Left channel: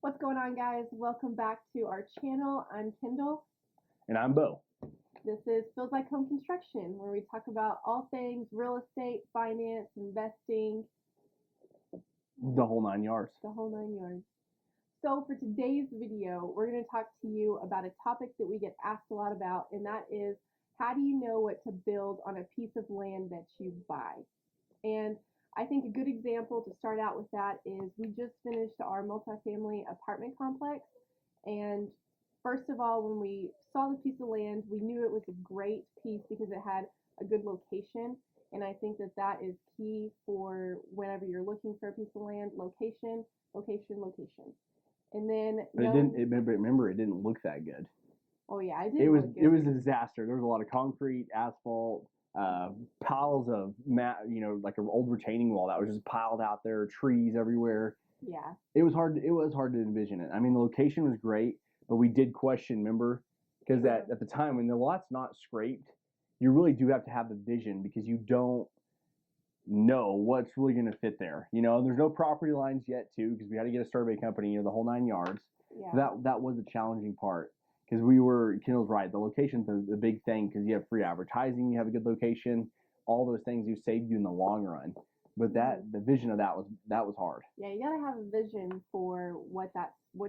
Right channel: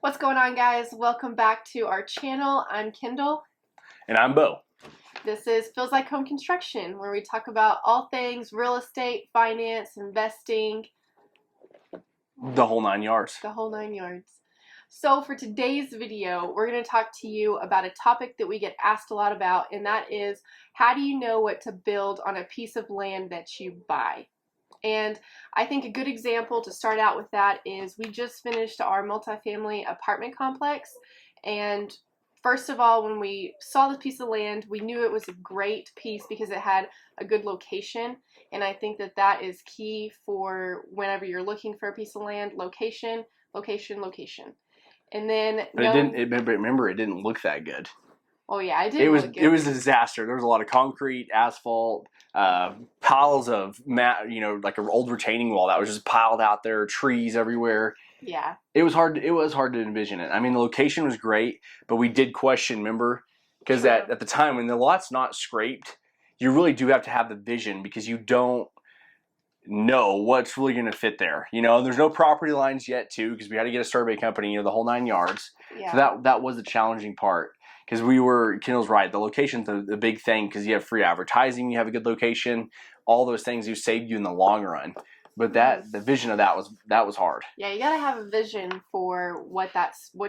What's going on, guys? Welcome back to our channel. I'm Kendall. And I'm Bo. This is Feels Like Home Construction, where we talk about all things real estate, finance, investing, The whole 9 yards. the whole nine yards. So for today's video, we're going to talk to you about a topic that we get asked a lot about, and that is, how do you know what to build on a piece of land that you buy? And I think a good example to start out with that is we just finished our multifamily apartment complex. And first of all, when we saw this piece of land, we knew it was a great piece because it had a good location. And I think that that is key for whenever you're looking for a piece of land: location, location, location. And then, But it didn't. Remember, it didn't look that good. Oh yeah, it didn't It was. look good. It was a disaster. There was a lot of concrete, asphalt, piles of like an old retaining wall that was just piled out there. Trees everywhere. Yeah. It was hard. It was hard to envision it. I mean, the location was great, but we did question. Remember, because at the time when the lot's not scraped, you really do have to have the vision because you don't know what's really going to fit there. There's no property lines yet, too, because we had to get a survey company. The whole 9 yards. Yeah. So that was the challenging part. Because Kendall's right. The location's the big thing because you have free advertising, you have a good location, all those things you saved you in the long run. But the vision of that was hard. Yeah, you gotta have a vision for what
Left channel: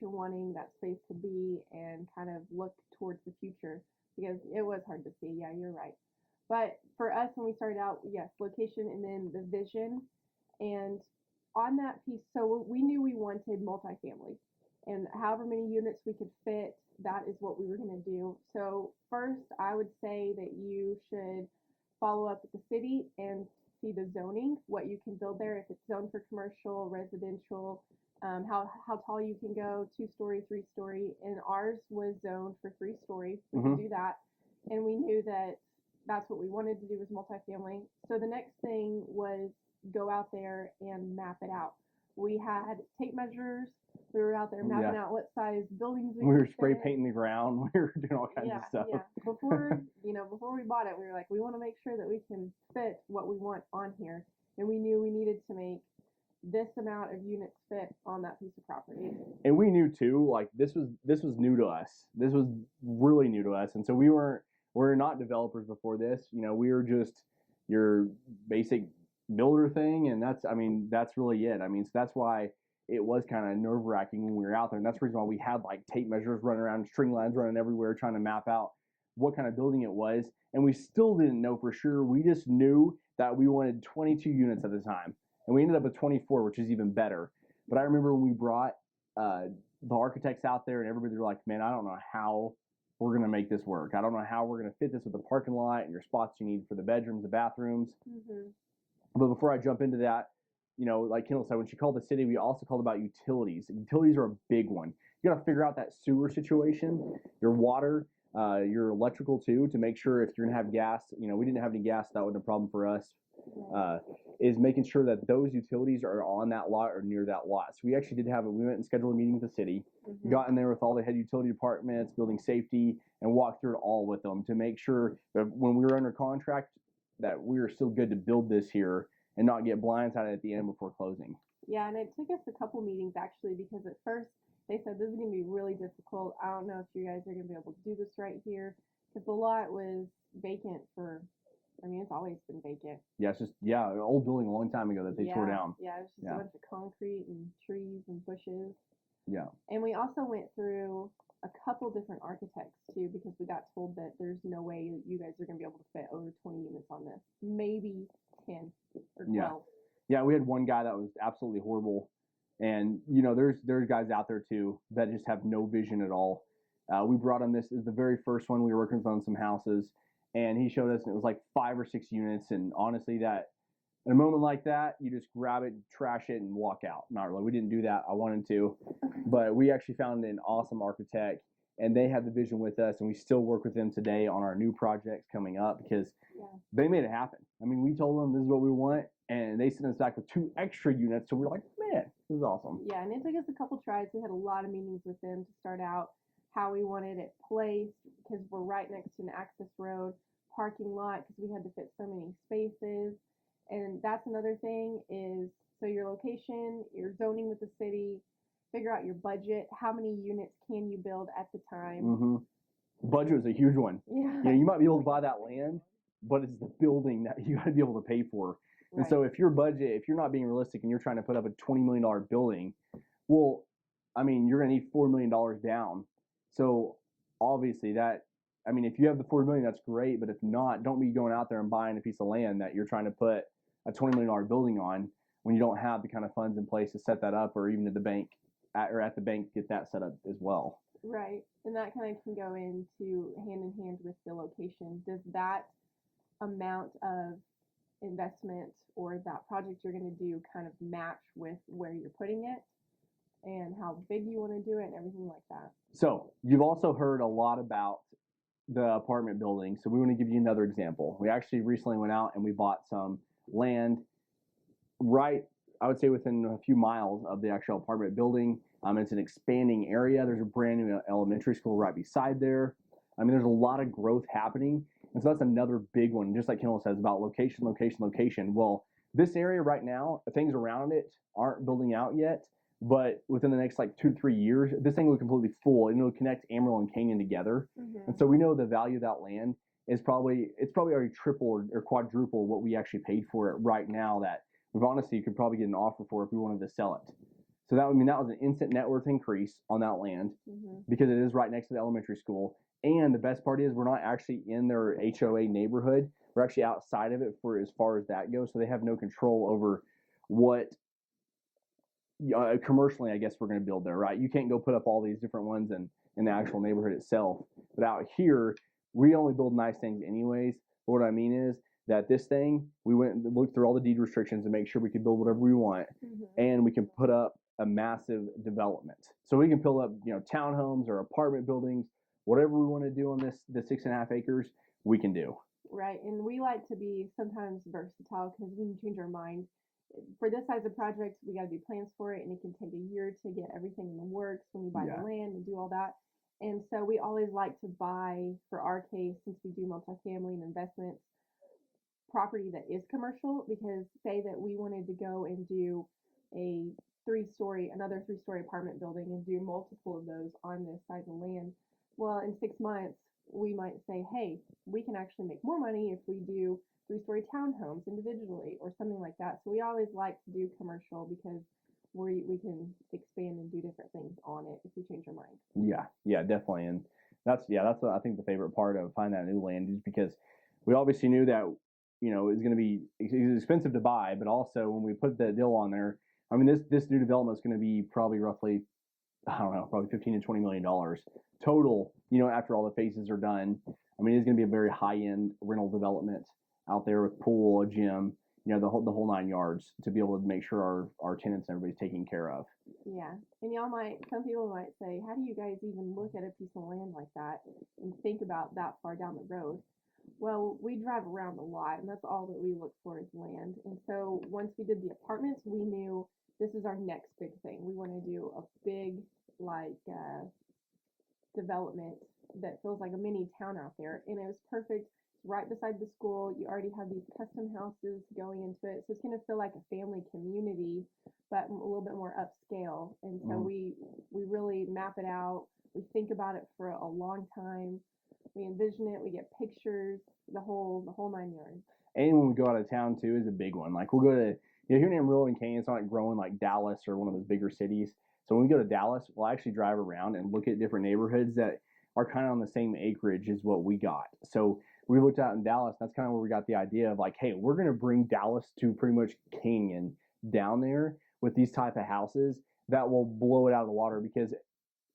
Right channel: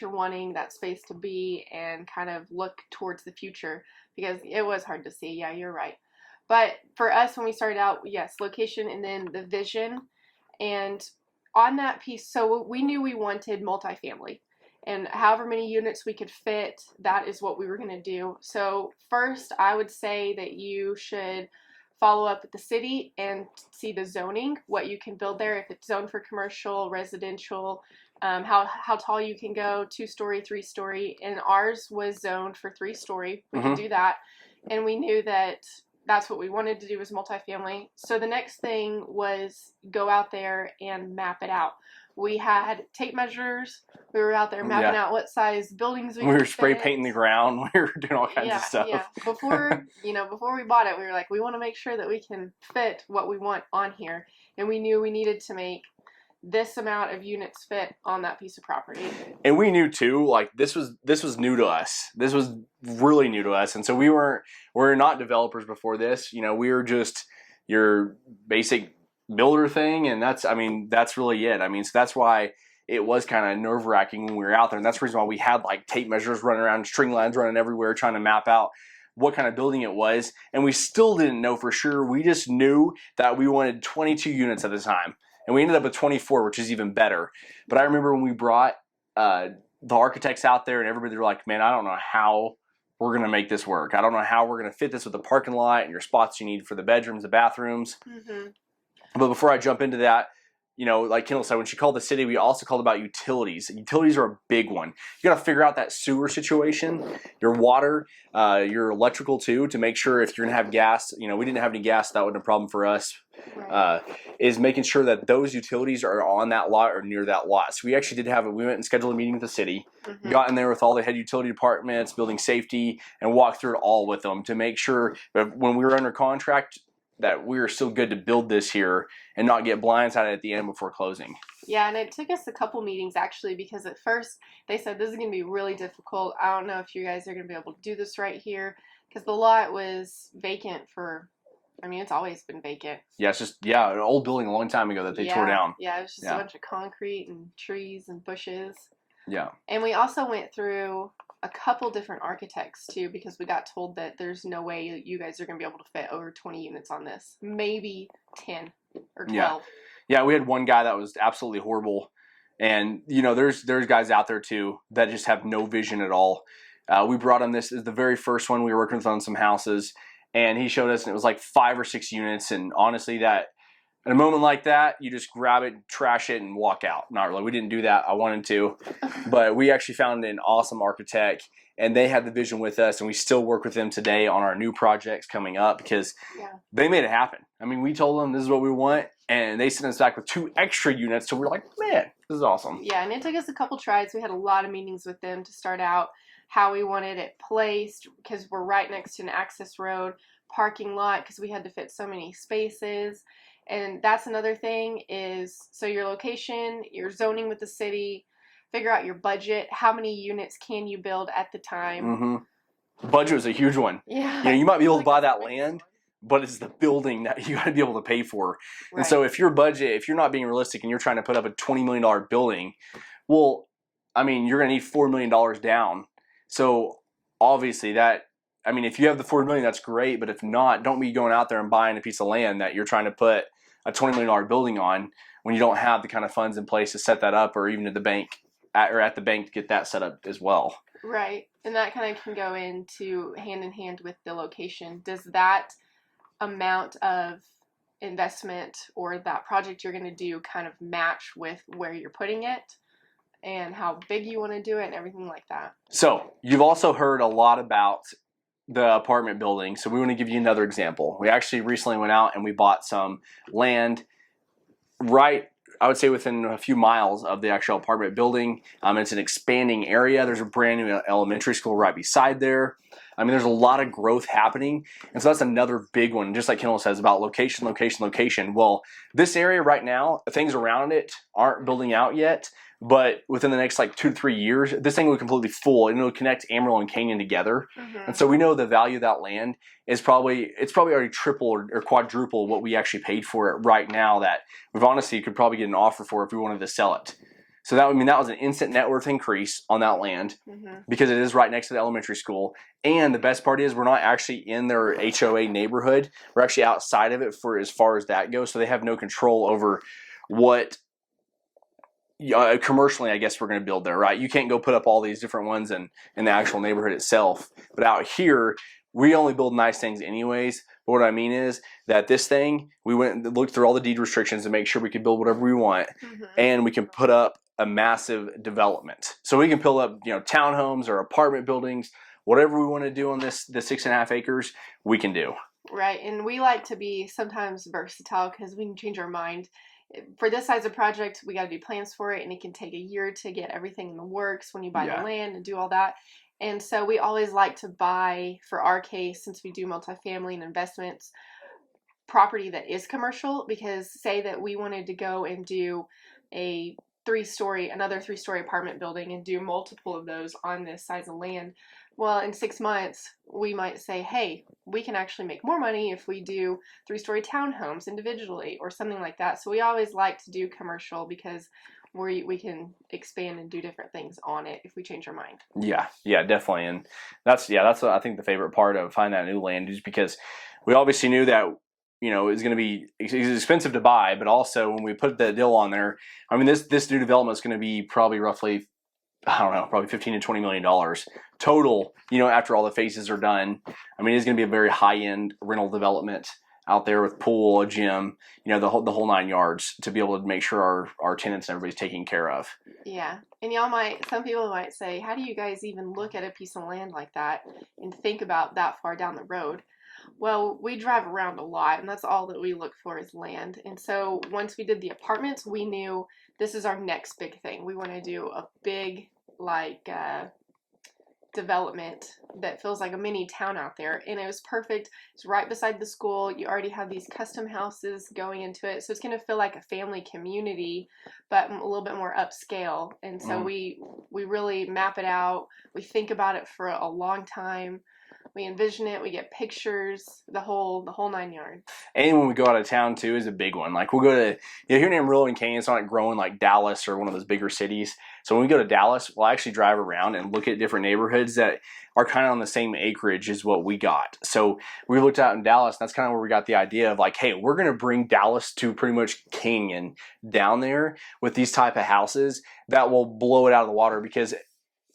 you're wanting that space to be, and kind of look towards the future, because it was hard to see. Yeah, you're right. But for us, when we started out, yes, location and then the vision, and on that piece, so we knew we wanted multifamily. And however many units we could fit, that is what we were going to do. So first, I would say that you should follow up with the city and see the zoning, what you can build there, if it's zoned for commercial, residential, how tall you can go, 2-story, 3-story. And ours was zoned for 3-story. We can do that. And we knew that that's what we wanted to do, was multifamily. So the next thing was go out there and map it out. We had tape measures. We were out there mapping out what size buildings we were spray painting the ground. We were doing all kinds of stuff. Yeah. Before we bought it, we were like, we want to make sure that we can fit what we want on here. And we knew we needed to make this amount of units fit on that piece of property. And we knew too, like this was new to us. This was really new to us. And so we're not developers before this. We were just your basic builder thing, and that's really it. So that's why it was kind of nerve-wracking when we were out there, and that's the reason why we had like tape measures running around, string lines running everywhere, trying to map out what kind of building it was. And we still didn't know for sure. We just knew that we wanted 22 units at the time, and we ended up with 24, which is even better. But I remember when we brought the architects out there, and everybody were like, man, I don't know how we're going to make this work. I don't know how we're going to fit this with the parking lot and your spots you need for the bedrooms, the bathrooms. But before I jump into that, like Kendall said, when she called the city, we also called about utilities. Utilities are a big one. You got to figure out that sewer situation, your water, your electrical too, to make sure if you're going to have gas. We didn't have any gas, so that wasn't a problem for us. Right. Is making sure that those utilities are on that lot or near that lot. So we actually we went and scheduled a meeting with the city, got in there with all the head utility departments, building safety, and walked through it all with them to make sure that when we were under contract, that we were still good to build this here and not get blindsided at the end before closing. Yeah, and it took us a couple meetings actually, because at first they said this is going to be really difficult. I don't know if you guys are going to be able to do this right here, because the lot was vacant for, it's always been vacant. Yeah, it's just, an old building a long time ago that they tore down. Yeah, it was just a bunch of concrete and trees and bushes. Yeah. And we also went through a couple different architects too, because we got told that there's no way you guys are going to be able to fit over 20 units on this. Maybe 10 or 12. Yeah, we had one guy that was absolutely horrible. And, there's guys out there too that just have no vision at all. We brought him, this is the very first one we were working with on some houses, and he showed us, and it was like 5 or 6 units. And honestly, that in a moment like that, you just grab it, trash it, and walk out. Not really. We didn't do that. I wanted to. But we actually found an awesome architect, and they had the vision with us, and we still work with them today on our new projects coming up because they made it happen. We told them this is what we want, and they sent us back with 2 extra units. So we're like, man, this is awesome. Yeah, and it took us a couple tries. We had a lot of meetings with them to start out how we wanted it placed, because we're right next to an access road, parking lot, because we had to fit so many spaces. And that's another thing is, so your location, your zoning with the city, figure out your budget. How many units can you build at the time? Mm-hmm. Budget was a huge one. Yeah. You know, you might be able to buy that land, but it's the building that you got to be able to pay for. Right. And so if your budget, if you're not being realistic and you're trying to put up a $20 million building, well, I mean, you're going to need $4 million down. So obviously that, I mean, if you have the $4 million, that's great. But if not, don't be going out there and buying a piece of land that you're trying to put a $20 million building on when you don't have the kind of funds in place to set that up, or even at the bank at the bank to get that set up as well. Right. And that kind of can go into hand in hand with the location. Does that amount of investment or that project you're going to do kind of match with where you're putting it and how big you want to do it and everything like that? So you've also heard a lot about the apartment building. So we want to give you another example. We actually recently went out and we bought some land right, I would say within a few miles of the actual apartment building. It's an expanding area. There's a brand new elementary school right beside there. I mean, there's a lot of growth happening. And so that's another big one, just like Kendall says, about location, location, location. Well, this area right now, things around it aren't building out yet. But within the next like 2 to 3 years, this thing will be completely full and it'll connect Amarillo and Canyon together. Mm-hmm. And so we know the value of that land is probably already triple or quadruple what we actually paid for it right now, that we've honestly could probably get an offer for if we wanted to sell it. So that, I mean, that was an instant net worth increase on that land because it is right next to the elementary school. And the best part is we're not actually in their HOA neighborhood. We're actually outside of it for as far as that goes. So they have no control over what commercially, I guess, we're going to build there, right? You can't go put up all these different ones in the actual neighborhood itself. But out here, we only build nice things anyways. But what I mean is that this thing, we went and looked through all the deed restrictions to make sure we could build whatever we want. And we can put up a massive development. So we can build up, you know, townhomes or apartment buildings, whatever we want to do on the 6.5 acres, we can do. Right. And we like to be sometimes versatile because we can change our mind. For this size of project, we got to do plans for it, and it can take a year to get everything in the works when you buy the land and do all that. And so we always like to buy, for our case, since we do multifamily and investments, property that is commercial, because say that we wanted to go and do another three-story apartment building and do multiple of those on this size of land. Well, in 6 months, we might say, hey, we can actually make more money if we do 3-story townhomes individually or something like that. So we always like to do commercial because we can expand and do different things on it if we change our mind. Yeah, definitely. And that's I think the favorite part of finding that new land is because we obviously knew that, you know, it's going to be expensive to buy, but also when we put the deal on there, I mean, this new development is going to be probably roughly, I don't know, probably $15 to $20 million total, you know, after all the phases are done. I mean, it's going to be a very high-end rental development out there with pool, a gym, you know, the whole 9 yards to be able to make sure our tenants and everybody's taken care of. Yeah. And some people might say, how do you guys even look at a piece of land like that and think about that far down the road? Well, we drive around a lot, and that's all that we look for is land. And so once we did the apartments, we knew this is our next big thing. We want to do a big, development that feels like a mini town out there, and it was perfect. It's right beside the school. You already have these custom houses going into it, so it's going to feel like a family community, but a little bit more upscale. And so we really map it out. We think about it for a long time. We envision it. We get pictures, the whole 9 yards. And when we go out of town too is a big one. Like we'll go to, you know, here in Amarillo and Canyon, it's not growing like Dallas or one of those bigger cities. So when we go to Dallas, we'll actually drive around and look at different neighborhoods that are kind of on the same acreage as what we got. So we looked out in Dallas, and that's kind of where we got the idea of like, hey, we're going to bring Dallas to pretty much Canyon down there with these type of houses that will blow it out of the water, because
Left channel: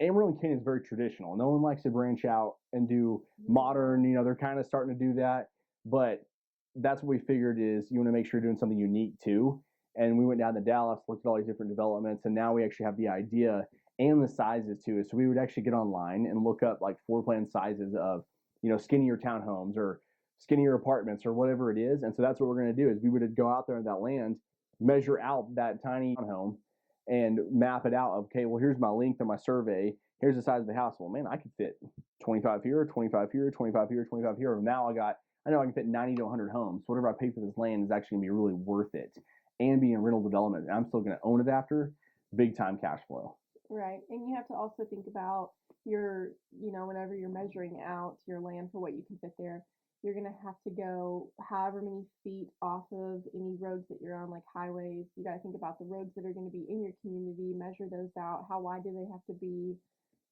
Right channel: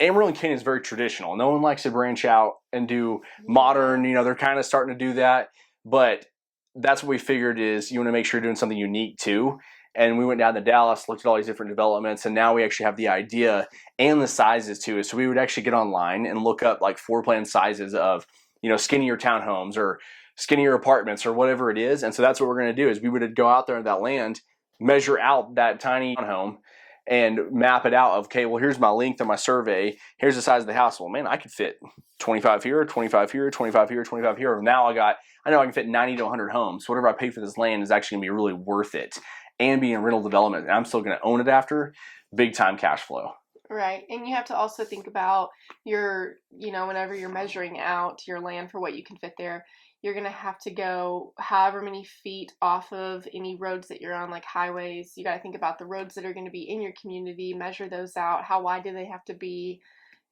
Amarillo and Canyon is very traditional. No one likes to branch out and do modern, you know, they're kind of starting to do that. But that's what we figured is you want to make sure you're doing something unique too. And we went down to Dallas, looked at all these different developments, and now we actually have the idea and the sizes too. So we would actually get online and look up like floor plan sizes of, you know, skinnier townhomes or skinnier apartments or whatever it is. And so that's what we're going to do is we would go out there in that land, measure out that tiny home, and map it out of, okay, well, here's my length of my survey. Here's the size of the house. Well, man, I could fit 25 here, 25 here, 25 here, 25 here. Now I know I can fit 90 to 100 homes. So whatever I pay for this land is actually going to be really worth it and be in rental development. And I'm still going to own it after. Big time cash flow. Right. And you have to also think about your, whenever you're measuring out your land for what you can fit there, you're going to have to go however many feet off of any roads that you're on, like highways. You got to think about the roads that are going to be in your community, measure those out. How wide do they have to be?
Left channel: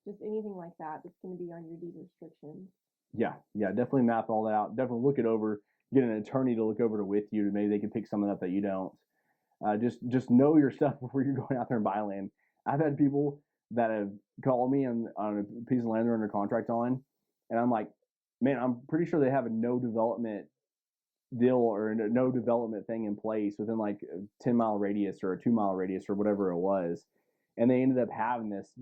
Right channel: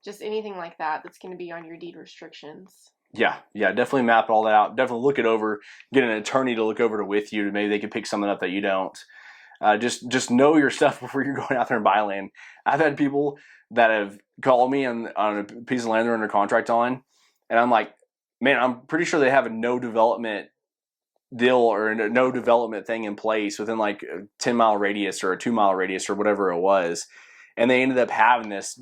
Just anything like that that's going to be on your deed restrictions. Yeah, definitely map all that out. Definitely look it over. Get an attorney to look over it with you. Maybe they can pick something up that you don't. Just know your stuff before you're going out there and buy land. I've had people that have called me on a piece of land they're under contract on, and I'm like, man, I'm pretty sure they have a no development deal or a no development thing in place within like a 10-mile radius or a 2-mile radius or whatever it was, and they ended up having this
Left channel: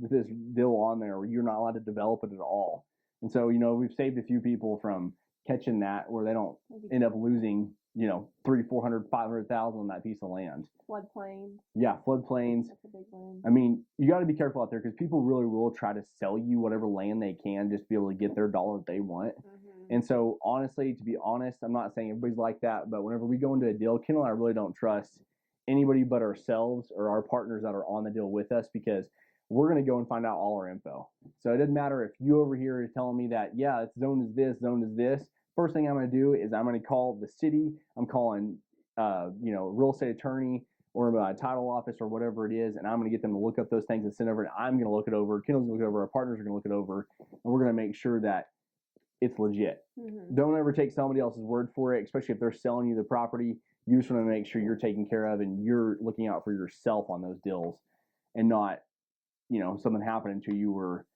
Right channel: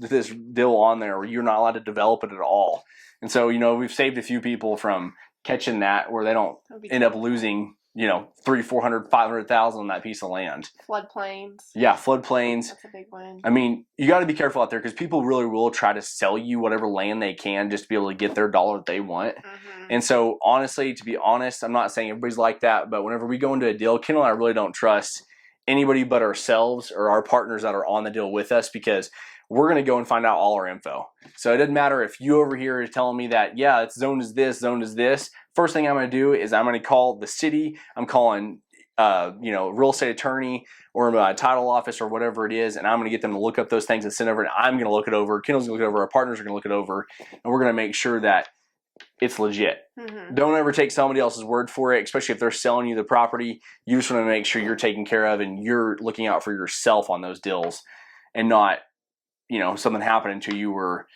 deal on there where you're not allowed to develop it at all. And so we've saved a few people from catching that where they don't end up losing 300, 400, 500,000 on that piece of land. Floodplains. Yeah, floodplains. That's a big one. I mean, you got to be careful out there because people really will try to sell you whatever land they can just to be able to get their dollar that they want. Mm-hmm. And so, honestly, to be honest, I'm not saying everybody's like that, but whenever we go into a deal, Kendall and I really don't trust anybody but ourselves or our partners that are on the deal with us because we're going to go and find out all our info. So it doesn't matter if you over here is telling me that, yeah, it's zoned as this, zoned as this. First thing I'm going to do is I'm going to call the city. I'm calling, real estate attorney or a title office or whatever it is, and I'm going to get them to look up those things and send over. And I'm going to look it over. Kendall's going to look it over. Our partners are going to look it over, and we're going to make sure that it's legit. Mm-hmm. Don't ever take somebody else's word for it, especially if they're selling you the property. You just want to make sure you're taken care of and you're looking out for yourself on those deals, and not something happening to you where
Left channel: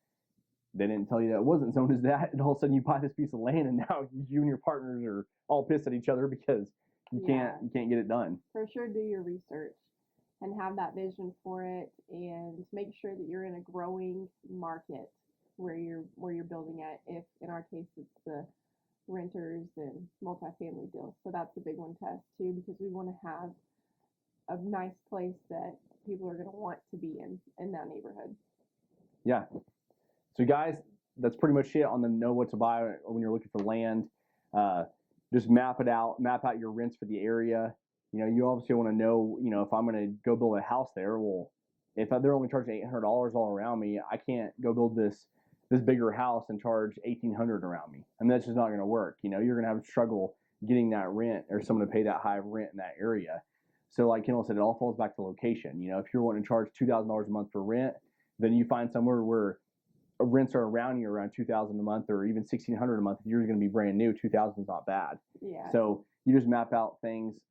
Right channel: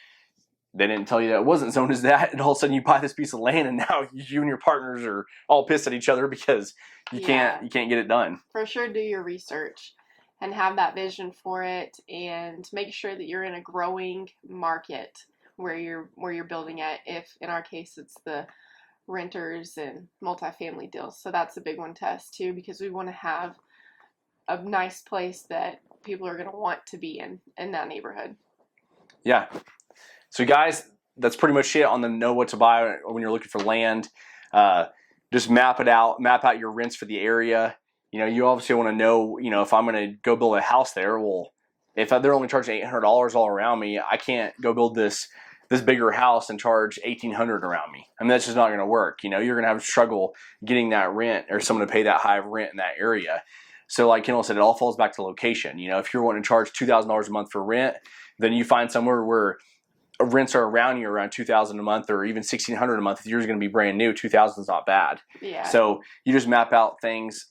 they didn't tell you that it wasn't zoned as that, and all of a sudden you buy this piece of land and now you and your partners are all pissed at each other because you can't get it done. For sure, do your research and have that vision for it, and make sure that you're in a growing market where you're building at. If in our case it's the renters and multifamily deals, so that's a big one to us too, because we want to have a nice place that people are going to want to be in that neighborhood. Yeah. So guys, that's pretty much it on the know what to buy when you're looking for land. Just map it out, map out your rents for the area. You obviously want to know, if I'm going to go build a house there, well, if they're only charging $800 all around me, I can't go build this bigger house and charge $1,800 around me. I mean, that's just not going to work. You're going to have struggle getting that rent or someone to pay that high of rent in that area. So like Kendall said, it all falls back to location. If you're wanting to charge $2,000 a month for rent, then you find somewhere where rents are around you around $2,000 a month or even $1,600 a month. If yours is going to be brand new, $2,000 is not bad. Yeah. So you just map out things.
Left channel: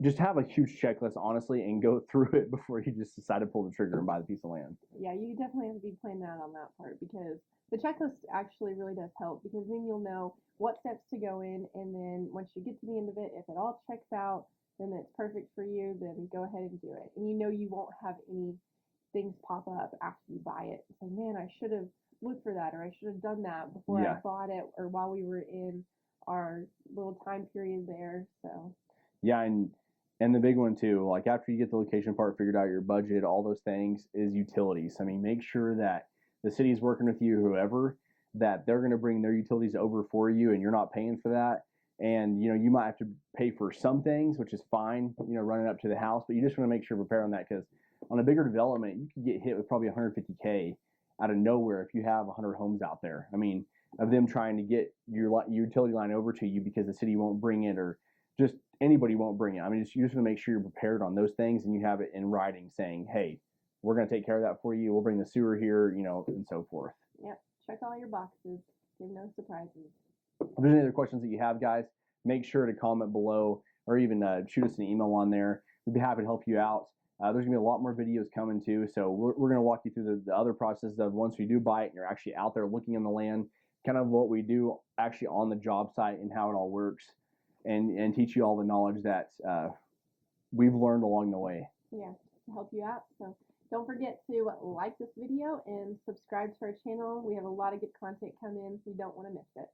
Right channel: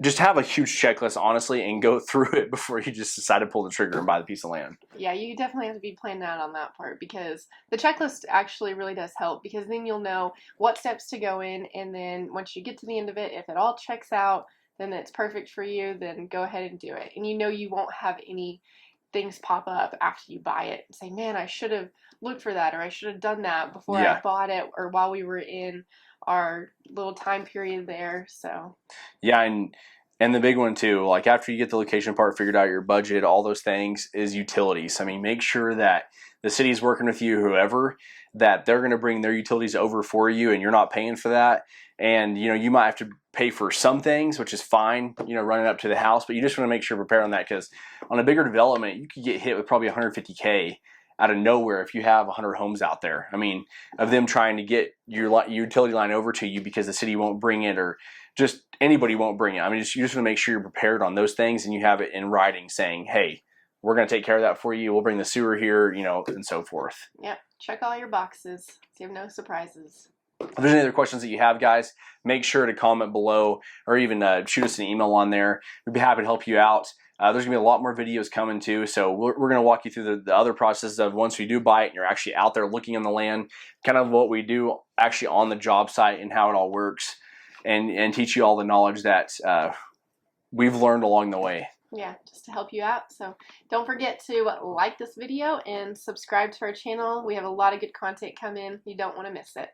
Just have a huge checklist, honestly, and go through it before you just decide to pull the trigger and buy the piece of land. Yeah, you definitely have to be planning out on that part, because the checklist actually really does help, because then you'll know what steps to go in, and then once you get to the end of it, if it all checks out, then it's perfect for you, then go ahead and do it. And you won't have any things pop up after you buy it and say, man, I should have looked for that, or I should have done that before I bought it, or while we were in our little time period there. So yeah, and the big one too, like after you get the location part figured out, your budget, all those things, is utilities. I mean, make sure that the city's working with you, whoever, that they're going to bring their utilities over for you and you're not paying for that. And you might have to pay for some things, which is fine, running up to the house, but you just want to make sure you're prepared on that, because on a bigger development, you could get hit with probably $150K out of nowhere if you have 100 homes out there. I mean, of them trying to get your utility line over to you because the city won't bring it, or just anybody won't bring it. I mean, you just want to make sure you're prepared on those things and you have it in writing saying, hey, we're going to take care of that for you. We'll bring the sewer here, and so forth. Yeah, check all your boxes so you have no surprises. If there's any other questions that you have, guys, make sure to comment below, or even shoot us an email on there. We'd be happy to help you out. There's going to be a lot more videos coming too, so we're going to walk you through the other processes of once you do buy it and you're actually out there looking on the land, kind of what we do actually on the job site and how it all works, and teach you all the knowledge that we've learned along the way. Yeah, just to help you out. So don't forget to like this video and subscribe to our channel. We have a lot of good content coming. You don't want to miss it.